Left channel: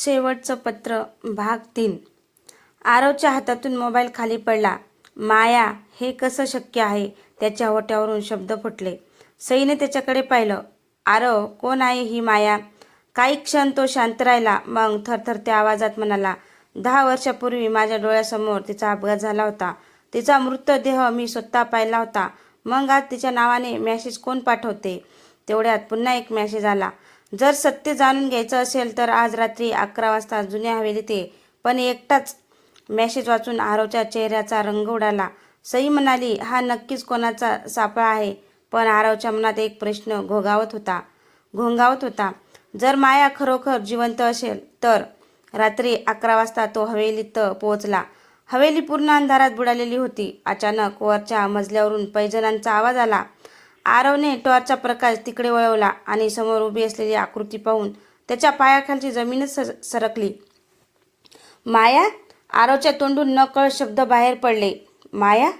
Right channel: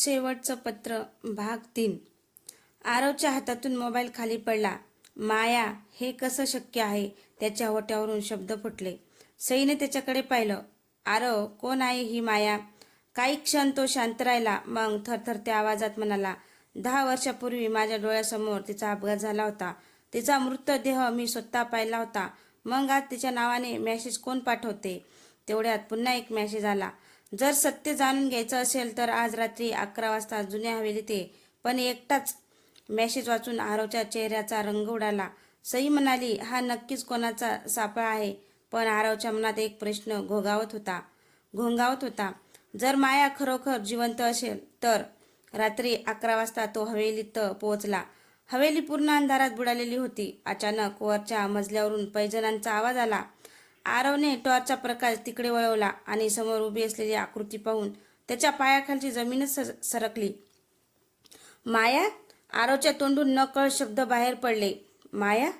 शेवटचं पत्र भाग 3. आरवच्या हातातून मोबाईल खाली पडला. माया, हे कसं शक्य आहे? त्याच्या ओठावरून शब्द फुटले. सईने त्याच्याकडे पाहिलं. आरव, कोण आहे ही माया? काही क्षण तो शांत राहिला. मग थरथरत्या आवाजात म्हणाला, 10 वर्षापूर्वी माझ्या डोळ्यासमोर तिचा अपघात झाला होता. तिचा मृतदेह मी स्वतः पाहिला होता. मग आज तिच्या नावाने मेसेज कोण पाठवते? तेवढ्यात पुन्हा एक मेसेज आला. जर सत्य जाणून घ्यायचं असेल तर आज रात्री 11 वाजता जुन्या हवेलीत ये. पण एकटाच. मेसेज वाचून आरवच्या चेहऱ्याचा रंग उडाला. सई म्हणाली, हा नक्कीच कोणाचा सापळा आहे. पण आरवच्या मनात एक प्रश्न घोंगावत होता. जर माया खरोखर जिवंत असेल तर? रात्री 11 वाजता तो हवेलीत पोहोचला. हवेली पूर्ण अंधारात बुडालेली होती. अचानक वरच्या मजल्यावरून पैंजणांचा आवाज आला. आरवने टॉर्चचा प्रकाश तिकडे वळवला आणि समोर उभी असलेली आकृती पाहून त्याच्या पायाखालची जमीनच सरकली. माया? आरवच्या तोंडून नकळत शब्द बाहेर पडले. माया?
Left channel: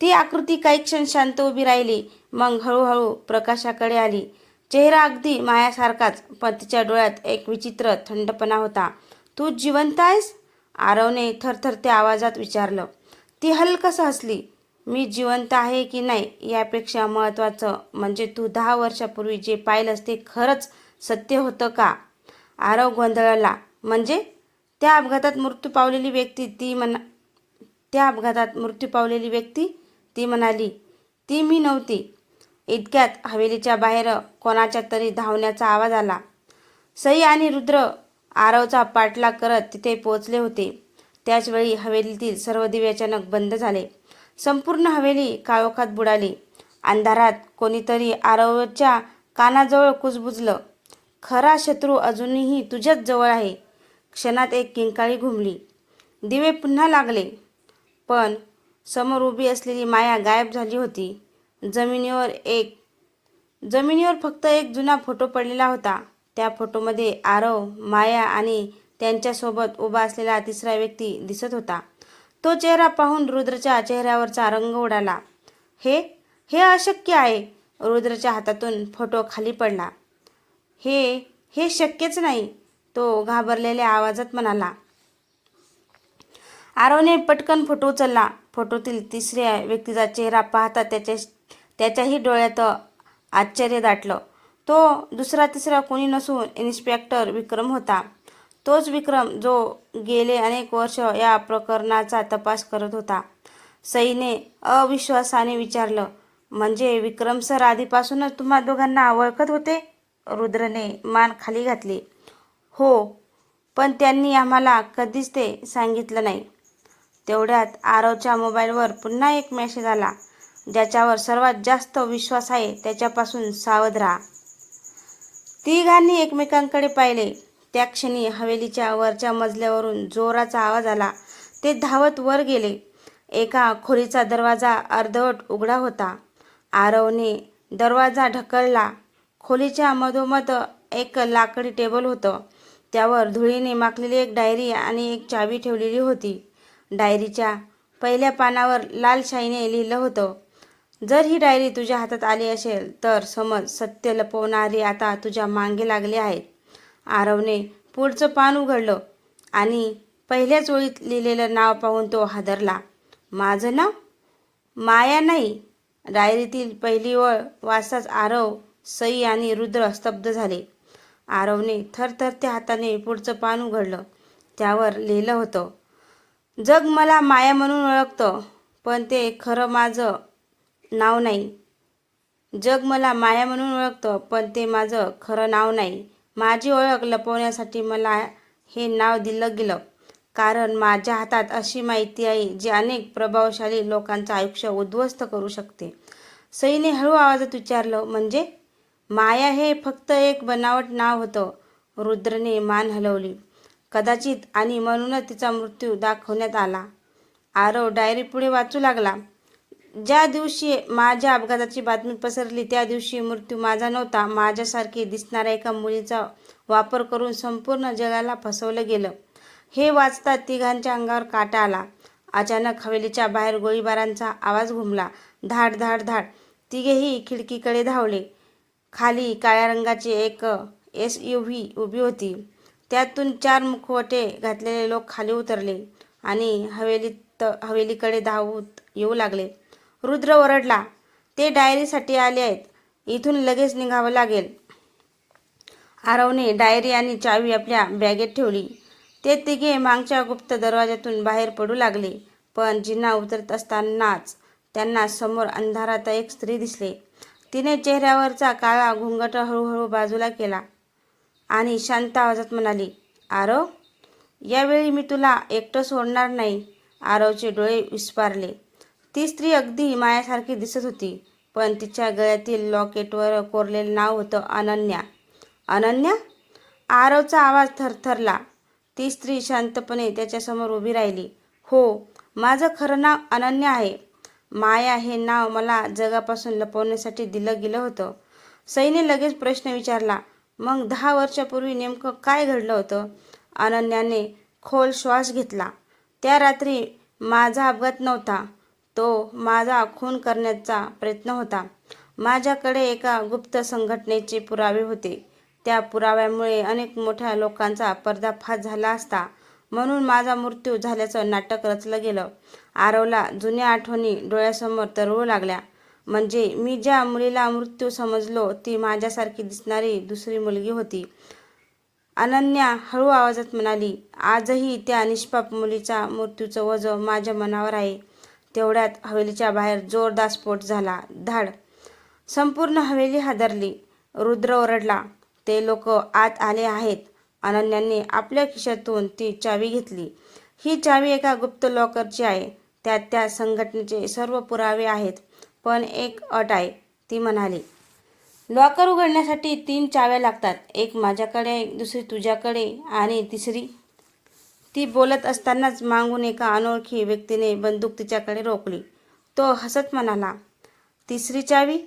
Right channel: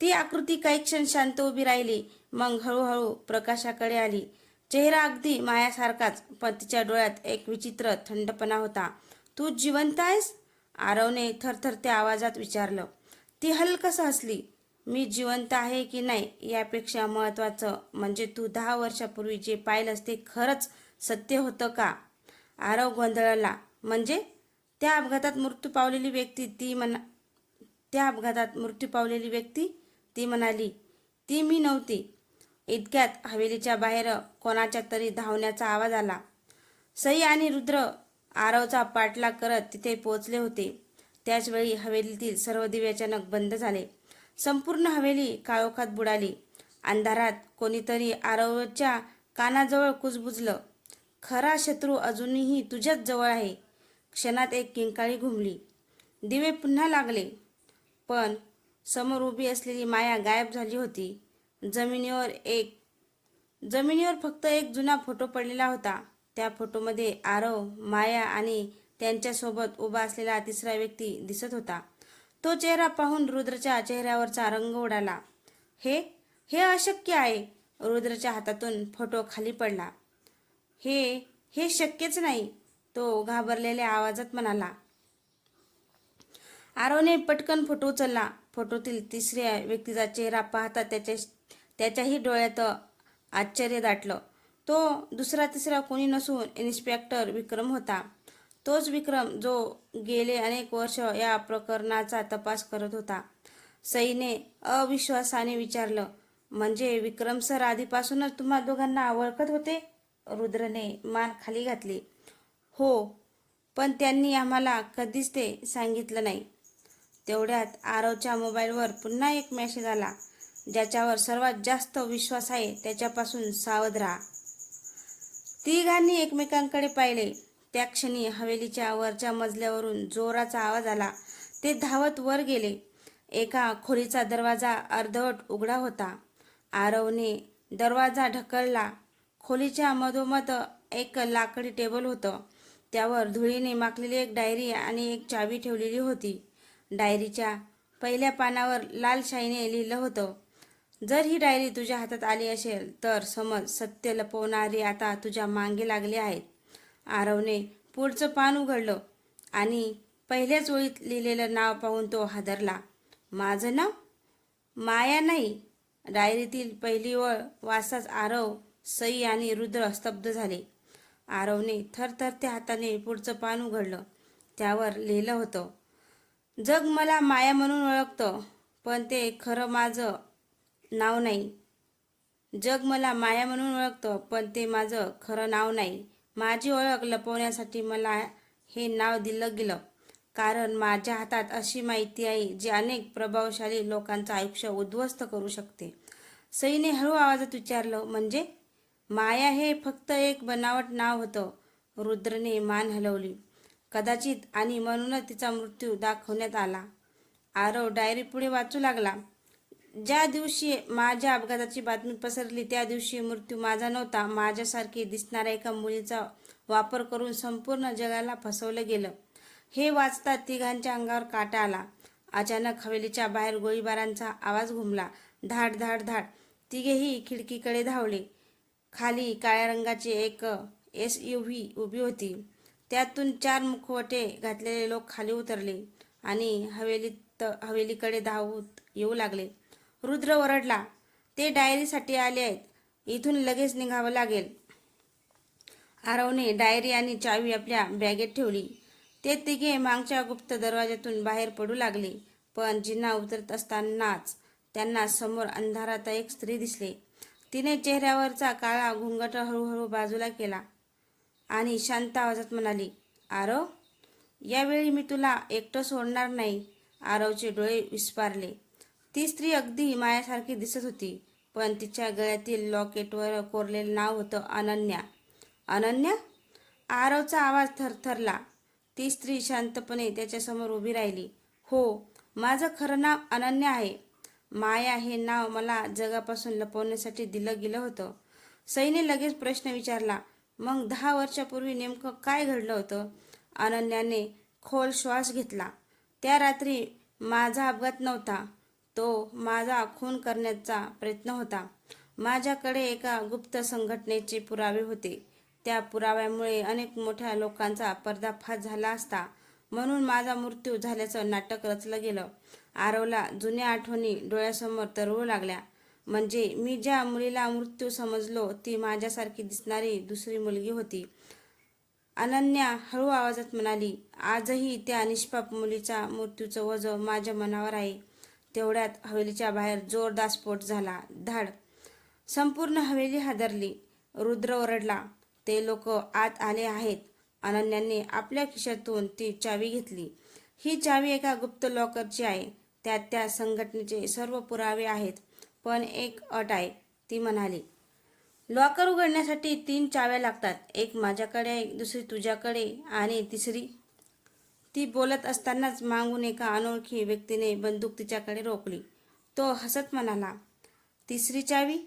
ती आकृती काही क्षण शांत उभी राहिली. मग हळूहळू प्रकाशाकडे आली. चेहरा अगदी मायासारखाच, पण तिच्या डोळ्यात एक विचित्र थंडपणा होता. तू जिवंत आहेस? आरवने थरथरत्या आवाजात विचारलं. ती हलकसं हसली. मी जिवंत आहे की नाही यापेक्षा महत्त्वाचं म्हणजे तू 10 वर्षापूर्वी जे पाहिलंस ते खरंच सत्य होतं का? आरव गोंधळला. म्हणजे? त्या अपघातात मृत्यू पावलेली व्यक्ती ती म्हणाली. ती मी नव्हती. इतक्यात हवेलीच्या बाहेर कोणाच्या तरी धावण्याचा आवाज आला. सई आणि रुद्र आरवचा पाठलाग करत तिथे पोहोचले होते. त्याचवेळी हवेलीतील सर्व दिवे अचानक बंद झाले. संपूर्ण हवेली काळोखात बुडाली. अंधारात कोणीतरी आरवच्या कानाजवळ कुजबुजलं. खरा शत्रू अजूनही तुझ्याच जवळ आहे. क्षणात एक किंकाळी घुमली. दिवे पुन्हा लागले. पण समोर उभी असलेली माया गायब झाली होती. जमिनीवर फक्त एक जुना फोटो पडलेला होता. त्या फोटोमध्ये आरव, माया आणि त्यांच्यासोबत उभा असलेला तिसरा व्यक्ती दिसत होता. तो चेहरा पाहून रुद्रच्या चेहऱ्यावरचा रंग उडाला. हे अशक्य आहे. रुद्रच्या हातातून फोटो खाली पडला. हे शक्यच नाही, तो घाबरलेल्या आवाजात म्हणाला. आरवने पटकन फोटो उचलला. फोटोतील तिसऱ्या व्यक्तीचा चेहरा पाहता त्याच्याही डोळ्यात आश्चर्य दाटलं. तो तिसरा कोणी नसून इन्स्पेक्टर विक्रम होता. तोच विक्रम जो गेले अनेक वर्ष या प्रकरणाचा तपास करत होता. सईने अविश्वासाने विचारलं. म्हणजे विक्रम सर आधीपासूनच तुम्हा दोघांना ओळखत होते? रुद्रने मान खाली घातली. हो, पण त्यांनी आम्हाला कधीच ते सांगितलं नाही. तेवढ्यात आरवच्या मोबाईलवर पुन्हा एक मेसेज आला. ज्याच्यावर सर्वात जास्त विश्वास आहे त्याच्यापासून सावध राहा. तिघांनी एकमेकांकडे पाहिले. त्या क्षणी हवेलीच्या वरच्या मजल्यावरून जोराचा आवाज आला. ते धावत वर गेले. एका खोलीचा दरवाजा अर्धवट उघडा होता. आरवने दरवाजा ढकलला. खोलीच्या मधोमध एक लाकडी टेबल होतं. त्यावर धुळीने माखलेली एक डायरी आणि एक चावी ठेवलेली होती. डायरीच्या पहिल्या पानावर लाल शाईने लिहिलं होतं, जर ही डायरी तुझ्या हातात आली असेल तर समज सत्य लपवणारे आता तुझ्या मागे लागले आहेत. आरवने पुढचं पान उघडलं आणि पहिल्याच ओळीत लिहिलेलं नाव पाहून तो हादरला. माझं नाव? माया नाही. डायरीतील पहिली ओळ वाचताच आरव, सई आणि रुद्र स्तब्ध झाले. आरवने थरथरत्या हाताने पुढचं पान उघडलं. त्यावर लिहिलं होतं, जग मला माया म्हणून ओळखतं, पण ते खरं माझं नाव नाही. जग मला माया म्हणून ओळखतं, पण ते माझं खरं नाव नाही. माझी ओळख लपवण्यासाठी मला हे नाव दिलं गेलं, कारण माझ्या हातात अशी माहिती आहे जी अनेक प्रभावशाली लोकांचं आयुष्य उद्ध्वस्त करू शकते. सईने हळू आवाजात विचारलं. म्हणजे? माया हे फक्त एक बनावट नाव होतं. रुद्रने मान हलवली. कदाचित, आणि म्हणूनच तिचा मृत्यू दाखवण्यात आला. आरव डायरी पुढे वाचू लागला. ज्या दिवशी माझ्या अपघाताची बातमी पसरली त्या दिवशी मृत्यू माझा नव्हता. माझ्यासारखी दिसणाऱ्या एका मुलीचा वापर करून संपूर्ण जगाला फसवलं गेलं. हे वाचता तिघांच्या अंगावर काटा आला. अचानक हवेलीच्या बाहेर गोळीबारांचा आवाज घुमला. धाड धाड धाड. तिघेही खिडकीकडे धावले. खाली काळ्या रंगाची एक SUV उभी होती. त्यातून 4 मुखवटे घातलेले लोक खाली उतरले आणि हवेलीकडे धावत येऊ लागले. रुद्र ओरडला, ते डायरीसाठी आले आहेत. इथून लगेच निघावं लागेल. आरवने डायरी आणि चावी आपल्या बॅगेत ठेवली. ते तिघे मागच्या गुप्त दरवाज्यातून बाहेर पडू लागले. पण जिना उतरत असतानाच त्यांना समोर अंधारात एक स्त्री दिसली. तिने चेहऱ्यावरचा काळा घुंगट हळूहळू बाजूला केला आणि शांत आवाजात म्हणाली, आरव, यावेळी मी तुला एकटं सोडणार नाही. आरवचे डोळे विस्फारले. ती स्त्री अगदी मायासारखी दिसत होती, पण तिच्या गळ्यातील लॉकेटवर कोरलेलं नाव होतं अनन्या. अनन्या? आरवचा आवाज थरथरला. ती स्त्री शांतपणे त्याच्यासमोर उभी राहिली. हो, माझं खरं नाव अनन्या आहे. माया हे नाव मला जगापासून लपवण्यासाठी दिलं गेलं होतं. सईने लगेच प्रश्न विचारला, मग 10 वर्षापूर्वी नेमकं काय घडलं होतं? अनन्याने खोल श्वास घेतला. त्या रात्री माझा अपघात नव्हता, तो माझा खून करण्याचा प्रयत्न होता. माझ्याकडे एका गुप्त संघटनेचे पुरावे होते. त्या पुराव्यामुळे अनेक मोठ्या लोकांचा पर्दाफाश झाला असता, म्हणून माझा मृत्यू झाल्याचं नाटक रचलं गेलं. आरवला जुन्या आठवणी डोळ्यासमोर तरळू लागल्या. म्हणजे मी ज्या मुलीला मृत्यू समजलो ती माझ्यासारखी दिसणारी दुसरी मुलगी होती. अनन्या हळू आवाजात म्हणाली, आजही त्या निष्पाप मुलीचा मृत्यूचं ओझं माझ्या मनावर आहे. तेवढ्यात हवेलीच्या बाहेर जोरदार स्फोट झाला. धाड! संपूर्ण हवेली हादरली. रुद्र ओरडला, ते लोक आत आले आहेत. अनन्याने आपल्या खिशातून ती चावी घेतली. ही चावी एका गुप्त लॉकरची आहे. त्यात त्या संघटनेचे सर्व पुरावे आहेत. पण एक अट आहे, ती म्हणाली. लॉकर उघडण्यासाठी 3 चाव्या लागतात. एक माझ्याकडे, दुसरी तुझ्याकडे आणि तिसरी. ती बोलत असतानाच मागून एका अनोळखी व्यक्तीने बंदूक तिच्याकडे रोखली. तो हसत म्हणाला, तिसरी चावी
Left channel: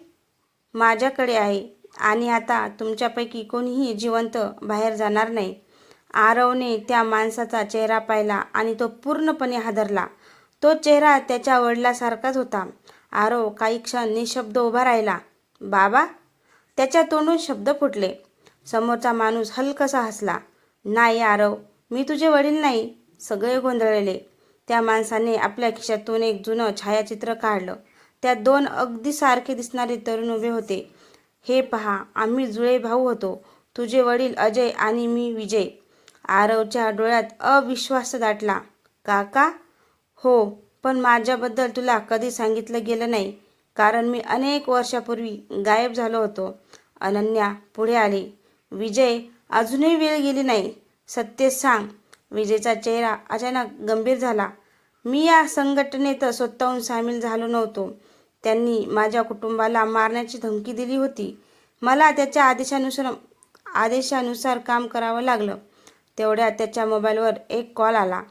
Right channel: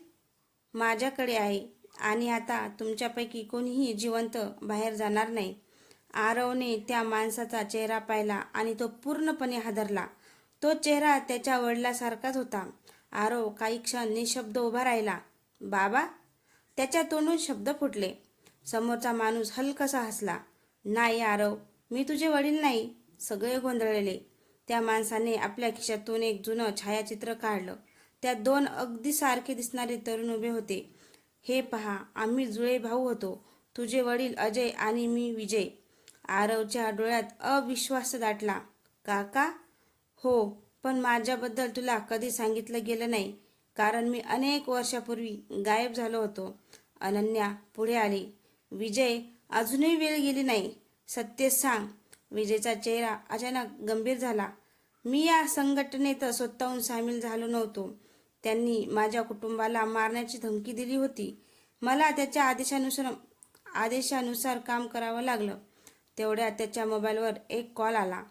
माझ्याकडे आहे आणि आता तुमच्यापैकी कोणीही जिवंत बाहेर जाणार नाही. आरवने त्या माणसाचा चेहरा पाहिला आणि तो पूर्णपणे हादरला. तो चेहरा त्याच्या वडिलांसारखाच होता. आरव काही क्षण निशब्द उभा राहिला. बाबा? त्याच्या तोंडून शब्द फुटले. समोरचा माणूस हलकासा हसला. नाही आरव, मी तुझे वडील नाही. सगळे गोंधळले. त्या माणसाने आपल्या खिशातून एक जुनं छायाचित्र काढलं. त्यात 2 अगदी सारखे दिसणारे तरुण उभे होते. हे पहा, आम्ही जुळे भाऊ होतो. तुझे वडील अजय आणि मी विजय. आरवच्या डोळ्यात अविश्वास दाटला. काका? हो, पण माझ्याबद्दल तुला कधी सांगितलं गेलं नाही, कारण मी अनेक वर्षापूर्वी गायब झालो होतो. अनन्या पुढे आली. विजय, अजूनही वेळ गेली नाही. सत्य सांग. विजयचा चेहरा अचानक गंभीर झाला. मी या संघटनेत स्वतःहून सामील झालो नव्हतो. त्यांनी माझ्या कुटुंबाला मारण्याची धमकी दिली होती. मला त्याच्या आदेशानुसार काम करावं लागलं. तेवढ्यात त्याच्या मोबाईलवर एक कॉल आला.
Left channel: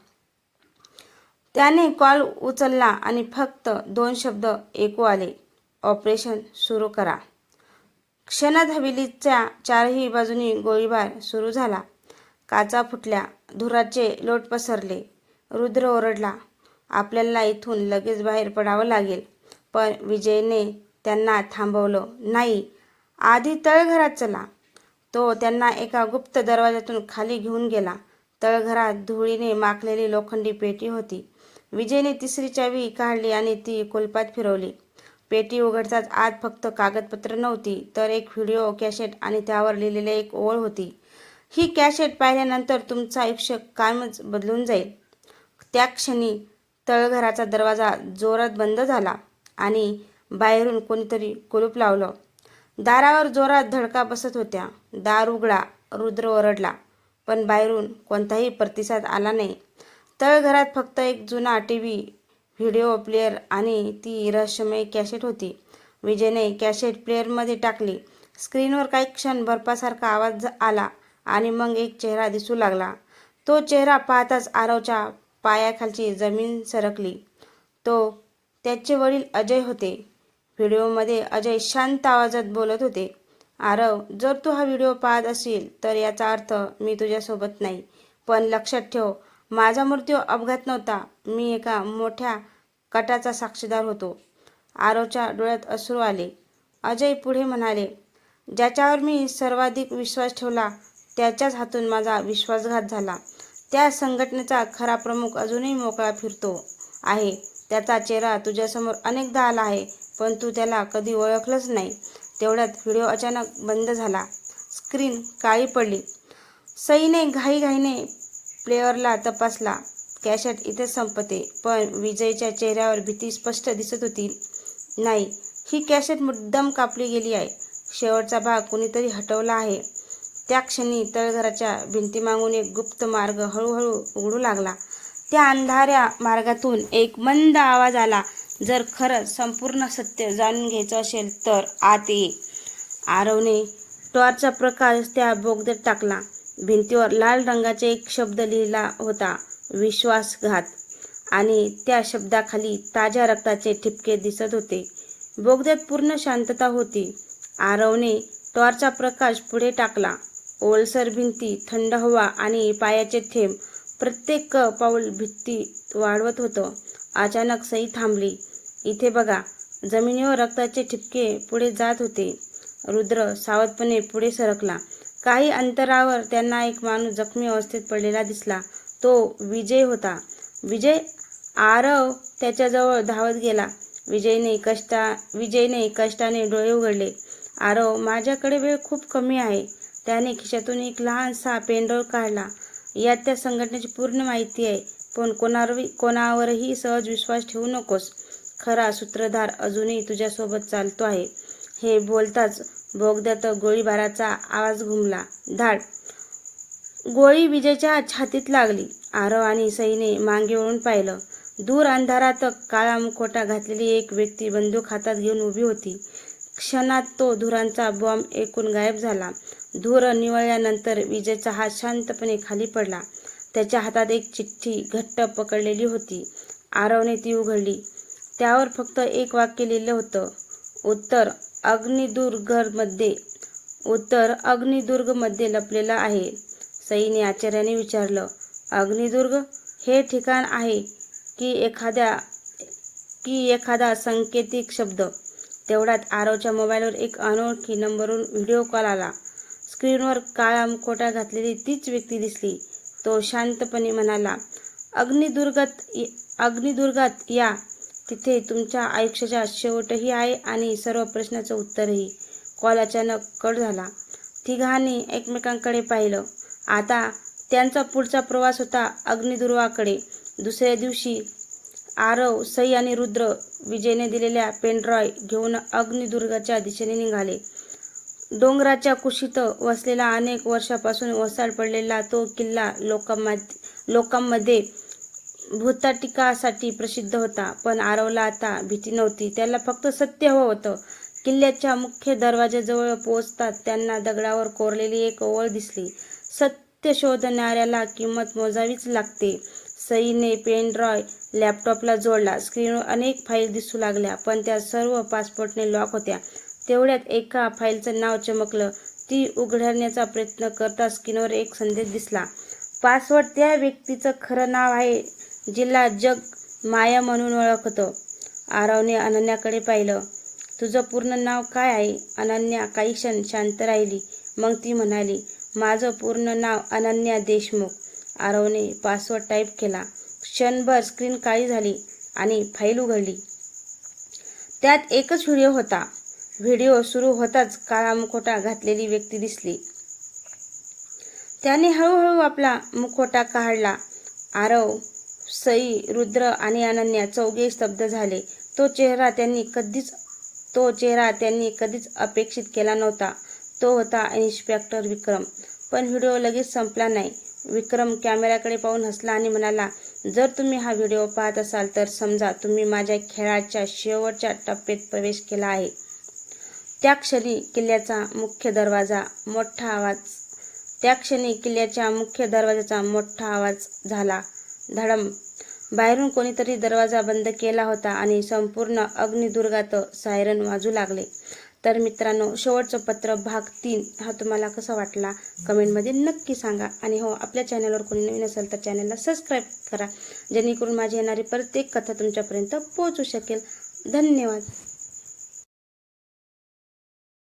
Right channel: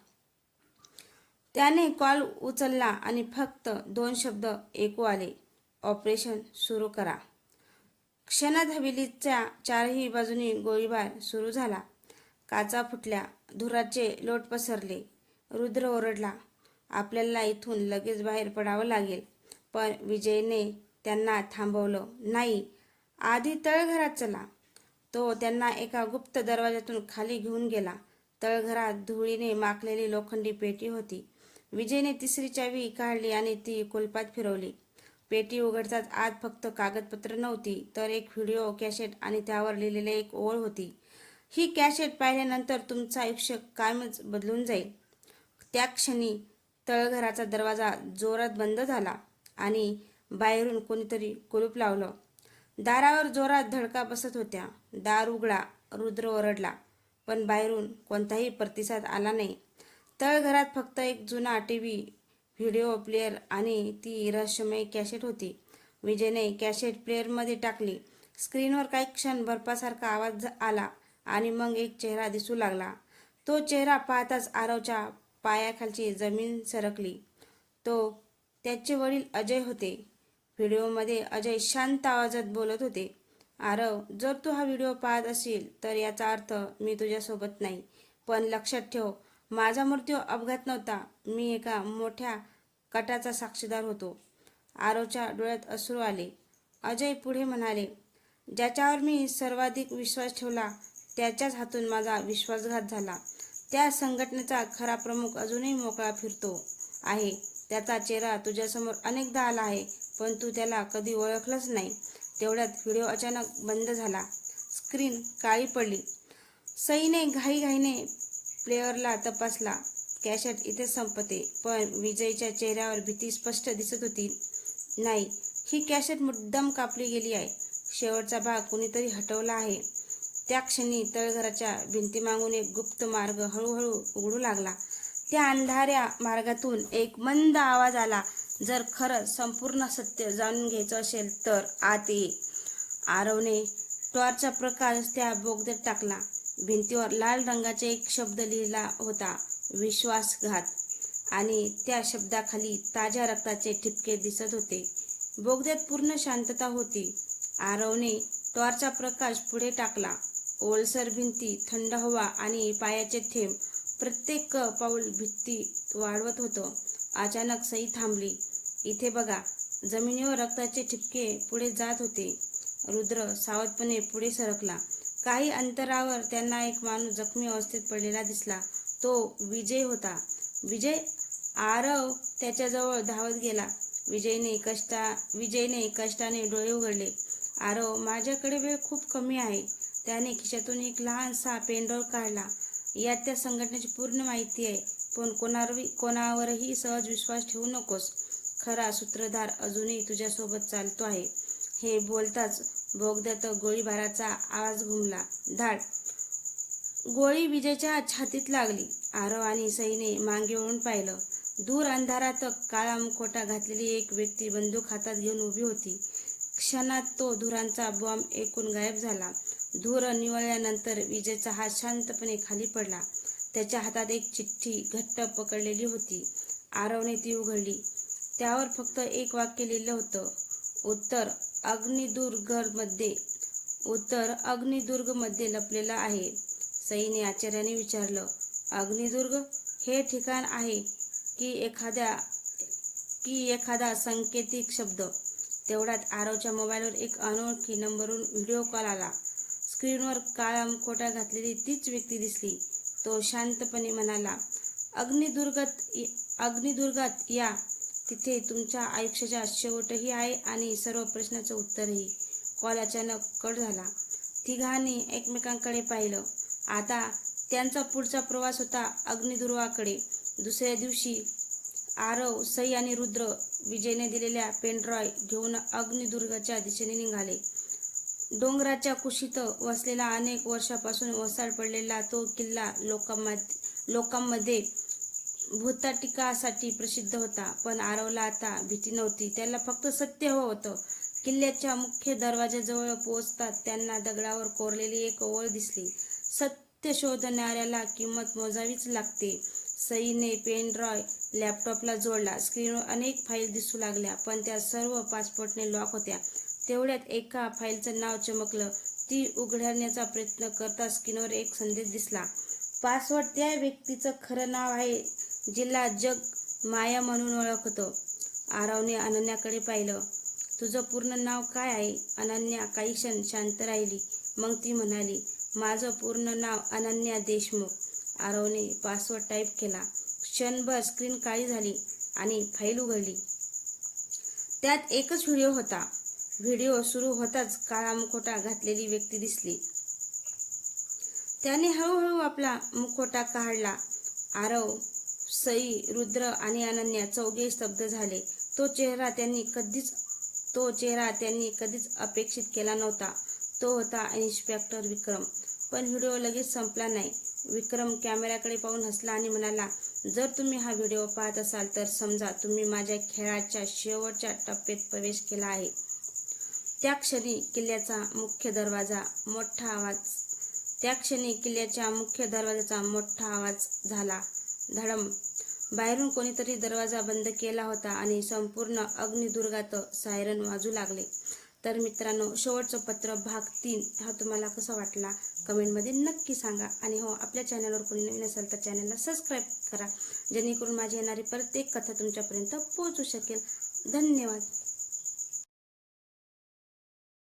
त्याने कॉल उचलला आणि फक्त 2 शब्द ऐकू आले, ऑपरेशन सुरू करा. क्षणात हवेलीच्या 4ही बाजूनी गोळीबार सुरू झाला. काचा फुटल्या, धुराचे लोट पसरले. रुद्र ओरडला, आपल्याला इथून लगेच बाहेर पडावं लागेल. पण विजयने त्यांना थांबवलं. नाही, आधी तळघरात चला. तो त्यांना एका गुप्त दरवाजातून खाली घेऊन गेला. तळघरात धुळीने माखलेली लोखंडी पेटी होती. विजयने तिसरी चावी काढली आणि ती कुलपात फिरवली. पेटी उघडताच आत फक्त कागदपत्र नव्हती, तर एक व्हिडिओ कॅसेट आणि त्यावर लिहिलेली एक ओळ होती. ही कॅसेट पाहिल्यानंतर तुमचं आयुष्य कायमच बदलून जाईल. त्या क्षणी तळघराचा दरवाजा जोरात बंद झाला आणि बाहेरून कोणीतरी कुलूप लावलं. दारावर जोरात धडका बसत होत्या. दार उघडा, रुद्र ओरडला. पण बाहेरून कोणताही प्रतिसाद आला नाही. तळघरात फक्त एक जुना टीव्ही, व्हिडिओ प्लेअर आणि ती रहस्यमय कॅसेट होती. विजयने कॅसेट प्लेअरमध्ये टाकली. स्क्रीनवर काही क्षण बर्फासारखा आवाज आला आणि मग एक चेहरा दिसू लागला. तो चेहरा पाहताच आरवच्या पायाखालची जमीन सरकली. तो त्याचे वडील अजय होते. व्हिडिओमध्ये अजय शांत आवाजात बोलत होते, आरव, जर तू हा व्हिडिओ पाहत असेल तर याचा अर्थ मी तुझ्यासोबत नाही. पण लक्षात ठेव, माझा मृत्यू अपघात नव्हता. मी एका मोठ्या कटाचा साक्षीदार होतो. आरवच्या डोळ्यात अश्रू आले. अजय पुढे म्हणाले, ज्याच्यावर मी सर्वाधिक विश्वास ठेवला त्याच्याच हातून माझा विश्वासघात झाला. त्या संघटनेचा खरा प्रमुख अजूनही मोकळा फिरतो आहे. त्याचा चेहरा तुझ्यासमोर अनेकदा आला आहे, पण तू त्याला कधी ओळखलंच नाही. तेवढ्यात व्हिडिओ अचानक बंद झाला. स्क्रीन काळी पडली. सईने घाईघाईने प्लेअरला तपासला. कॅसेट इथेच संपते. पण विजयच्या चेहऱ्यावर भीती स्पष्ट दिसत होती. नाही, ही कॅसेट मुद्दाम कापली गेली आहे. शेवटचा भाग कुणीतरी हटवला आहे. त्या क्षणी तळघराच्या भिंतीमागून एक गुप्त मार्ग हळूहळू उघडू लागला. त्या अंधाऱ्या मार्गातून एक मंद आवाज आला, जर खरंच संपूर्ण सत्य जाणून घ्यायचं असेल तर आत ये. आरवने टॉर्चचा प्रकाश त्या बोगद्यात टाकला. भिंतीवर लाल रंगाचे एक शब्द लिहिला होता, विश्वासघात. आणि त्या शब्दाखाली ताज्या रक्ताचे ठिपके दिसत होते. बोगद्यात पूर्ण शांतता होती. आरवने टॉर्चचा प्रकाश पुढे टाकला. ओलसर भिंती, थंड हवा आणि पायाचे थेंब प्रत्येक पाऊल भिंती वाढवत होतं. अचानक सई थांबली. इथे बघा. जमिनीवर रक्ताचे ठिपके पुढे जात होते. रुद्र सावधपणे पुढे सरकला. काही अंतरावर त्यांना एक माणूस जखमी अवस्थेत पडलेला दिसला. तो विजय होता. विजय? आरव त्याच्याजवळ धावत गेला. विजयने कष्टाने डोळे उघडले. आरव, माझ्याकडे वेळ खूप कमी आहे. त्याने खिशातून एक लहानसा पेनड्राईव्ह काढला. यात त्या संघटनेची पूर्ण माहिती आहे. पण कोणावरही सहज विश्वास ठेवू नकोस. खरा सूत्रधार अजूनही तुझ्यासोबत चालतो आहे. हे बोलताच बोगद्यात गोळीबाराचा आवाज घुमला. धाड! गोळी विजयच्या छातीत लागली. आरव आणि सईने मागे वळून पाहिलं. दूर अंधारात काळा मुखवटा घातलेली एक व्यक्ती बंदूक हातात घेऊन उभी होती. क्षणात तो धुरांचा बॉम्ब ऐकून गायब झाला. धूर निवळल्यानंतर विजयचा हात शांतपणे खाली पडला. त्याच्या हातात एक चिठ्ठी घट्ट पकडलेली होती. आरवने ती उघडली. त्यावर फक्त एक वाक्य लिहिलं होतं, उत्तर अग्निदुर्गमध्ये लपलेला आहे. सईने आश्चर्याने विचारलं, अग्निदुर्ग? हे ठिकाण आहे की एखादा सांकेतिक शब्द? तेवढ्यात आरवच्या मोबाईलवर एक अनोळखी नंबरवरून व्हिडिओ कॉल आला. स्क्रीनवर काळा मुखवटा घातलेली तीच व्यक्ती दिसली. तो शांतपणे म्हणाला, अग्निदुर्गात या. तिथे तुमच्या आयुष्याचा शेवटही आहे आणि सर्व प्रश्नाचं उत्तरही. कॉल अचानक कट झाला. तिघांनी एकमेकांकडे पाहिलं. आता त्यांचा पुढचा प्रवास होता अग्निदुर्गाकडे. दुसऱ्या दिवशी आरव, सई आणि रुद्र विजयने दिलेल्या पेनड्राईव्ह घेऊन अग्निदुर्गाच्या दिशेने निघाले. डोंगराच्या कुशीत वसलेला अनेक वर्षापासून वसाड पडलेला तो किल्ला लोकांमध्ये भूताटिकासाठी प्रसिद्ध होता. पण आरवला आता भीती नव्हती. त्याला फक्त सत्य हवं होतं. किल्ल्याच्या मुख्य दरवाजाजवळ पोहोचताच त्यांना दगडावर कोरलेली एक ओळ दिसली, सत्य शोधणाऱ्याला किंमत मोजावीच लागते. सईने पेनड्राईव्ह लॅपटॉपला जोडला. स्क्रीनवर अनेक फाईल दिसू लागल्या, पण त्या सर्व पासपोर्टने लॉक होत्या. तेवढ्यात एका फाईलचं नाव चमकलं. ती उघडण्याचा प्रयत्न करता स्क्रीनवर एक संदेश दिसला. पासवर्ड त्या व्यक्तीचं खरं नाव आहे, जिला जग माया म्हणून ओळखतं. आरवने अनन्याकडे पाहिलं. तुझं पूर्ण नाव काय आहे? अनन्या काही क्षण शांत राहिली. मग ती म्हणाली, माझं पूर्ण नाव अनन्या देशमुख. आरवने पासवर्ड टाईप केला. क्षणभर स्क्रीन काळी झाली आणि फाईल उघडली. त्यात एकच व्हिडिओ होता. व्हिडिओ सुरू होताच काळा मुखवटा घातलेली व्यक्ती दिसली. त्याने हळूहळू आपला मुखवटा काढला. आरव, सई, रुद्र आणि अनन्या चौघे स्तब्ध झाले. तो चेहरा त्यांनी कधीच अपेक्षित केला नव्हता. तो होता इन्स्पेक्टर विक्रम. पण व्हिडिओ लगेच संपला नाही. विक्रम कॅमेऱ्याकडे पाहून हसला आणि म्हणाला, जर तुम्ही हा व्हिडिओ पाहत असाल तर समजा तुम्ही माझ्या खेळाच्या शेवटच्या टप्प्यात प्रवेश केला आहे. त्या क्षणी किल्ल्याच्या मुख्य दरवाजाचा मोठा आवाज झाला. धडम. बाहेरून कोणीतरी दरवाजा बंद केला होता आणि संपूर्ण अग्निदुर्गात सायरन वाजू लागले. तर मित्रांनो, शेवटचं पत्र भाग 3 हा तुम्हाला कसा वाटला कमेंटमध्ये नक्की सांगा. आणि हो, आपल्या चॅनलवर कोणी नवीन असेल तर चॅनलला सबस्क्राईब करा, जेणेकरून माझी येणारी प्रत्येक कथा तुमच्यापर्यंत पोहोचू शकेल. धन्यवाद.